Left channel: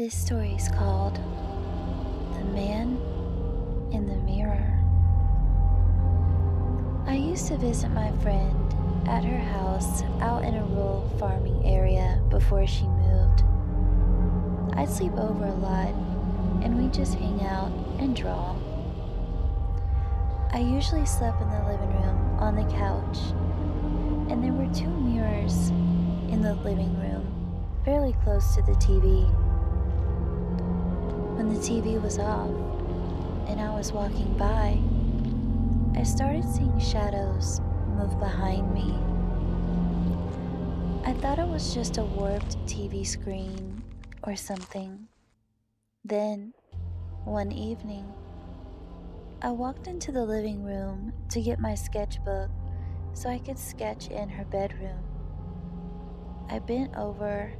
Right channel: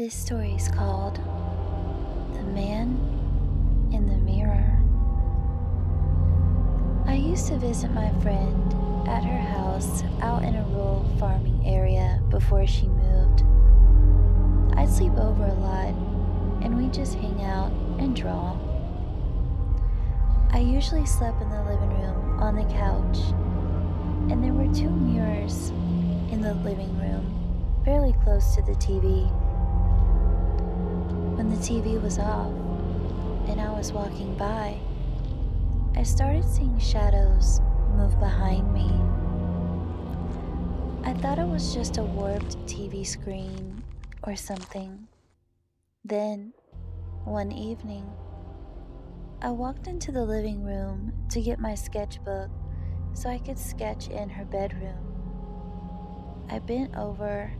This story is called The Man in the Mirror. I used to visit my friend at her house out in a rural farming area before she moved. I'd sleep over a lot and we'd just hang out and draw. I usually slept in the living room on the couch, and there were two mirrors in the living room, fairly close to the TV. When the TV was off and I was walking by, I started seeing shadows move behind me. I thought it was just a warped TV screen or something. Then, one evening, I walked into the living room to get my sketchbook so I could sketch in her bedroom. I bent over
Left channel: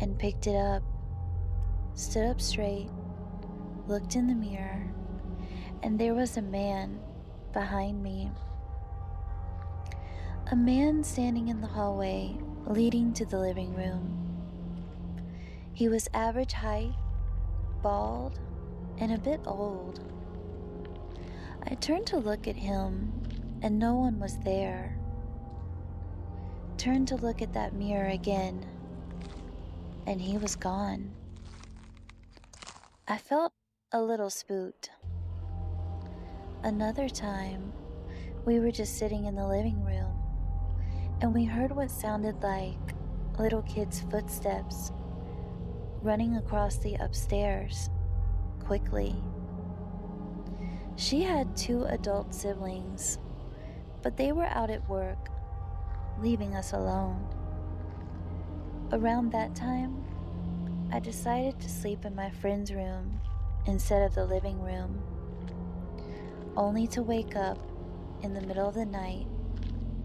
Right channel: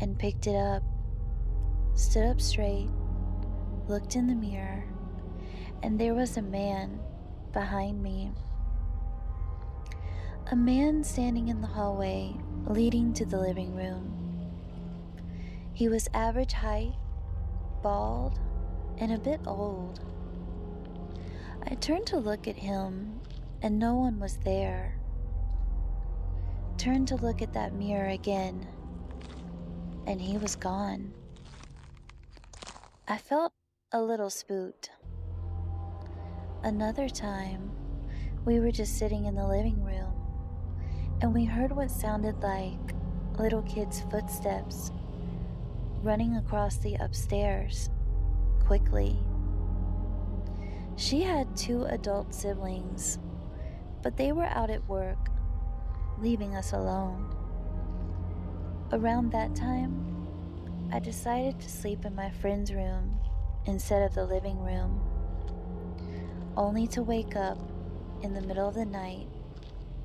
and picked it up, stood up straight, looked in the mirror, and there was a man behind me. A man standing in the hallway leading to the living room. He was average height, bald, and a bit old. I turned to look at him, and no one was there. Turned to look at that mirror again, and he was gone. I felt a little spooked. Another time, we were just sitting in the living room, and we heard what sounded like little kids' footsteps running across the upstairs quickly. She had two adult siblings, but they were out at work, leaving us alone. Around that time, I decided to sleep in my friend's room instead of the living room, only to wake up in the middle of the night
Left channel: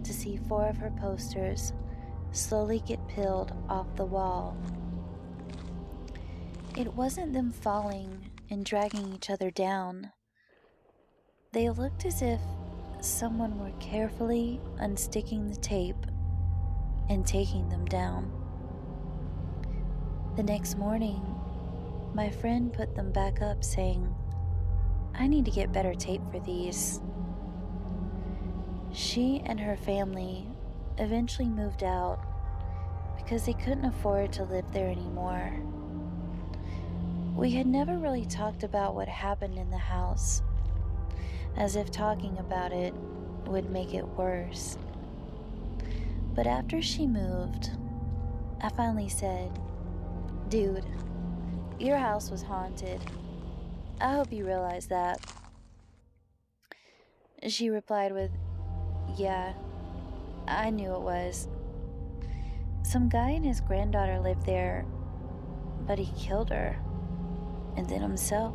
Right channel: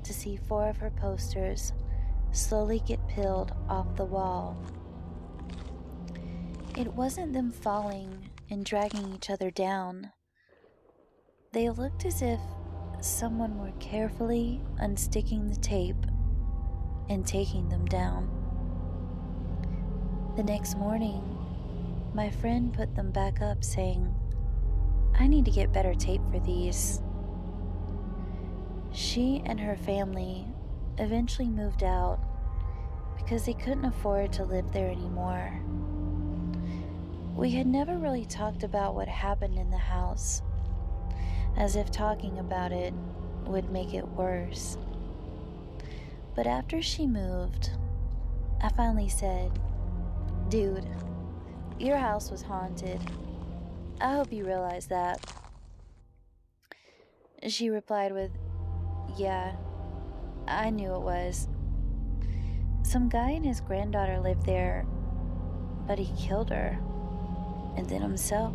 to see four of her posters slowly get peeled off the wall. It wasn't them falling and dragging each other down. They looked as if someone were carefully unsticking the tape and taking them down. The next morning, my friend put them back up saying, "I need to get better tape for these." She and her family eventually moved out because they couldn't afford to live there anymore. We had never really talked about what happened in the house, as if talking about it would make it worse. But after she moved, I finally said, "Dude, your house was haunted. I hope you realize that." She replied with, "Yeah, I knew it was. Some guy and his granddaughter lived there, but he killed her, and then himself.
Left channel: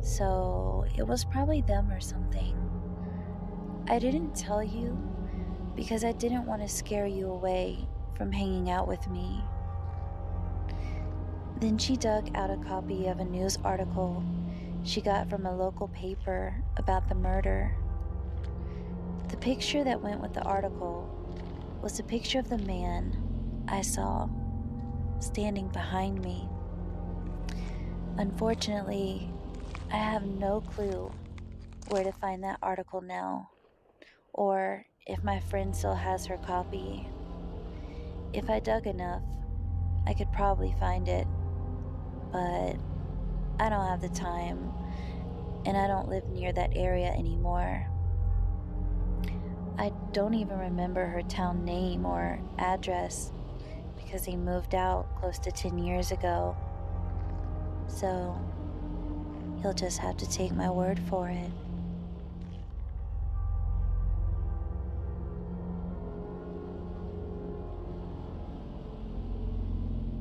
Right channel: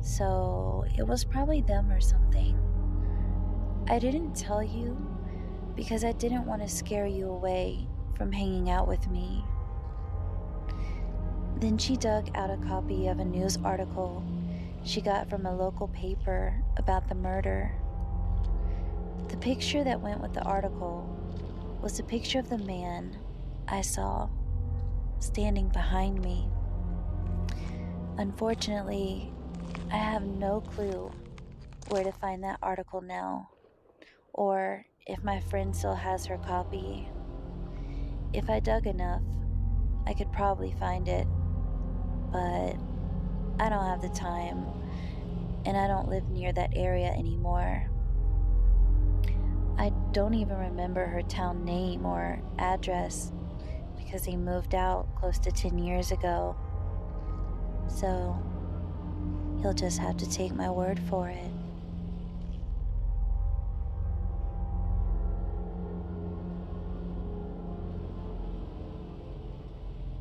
So it was probably them or something. I didn't tell you because I didn't want to scare you away from hanging out with me." Then she dug out a copy of a news article she got from a local paper about the murder. The picture that went with the article was a picture of the man I saw standing behind me. Unfortunately, I have no clue where to find that article now, or if my friend still has her copy. If I dug enough, I could probably find it, but I don't have the time, and I don't live near that area anymore. I don't even remember her town name or address because they moved out close to 10 years ago. So you'll just have to take my word for it.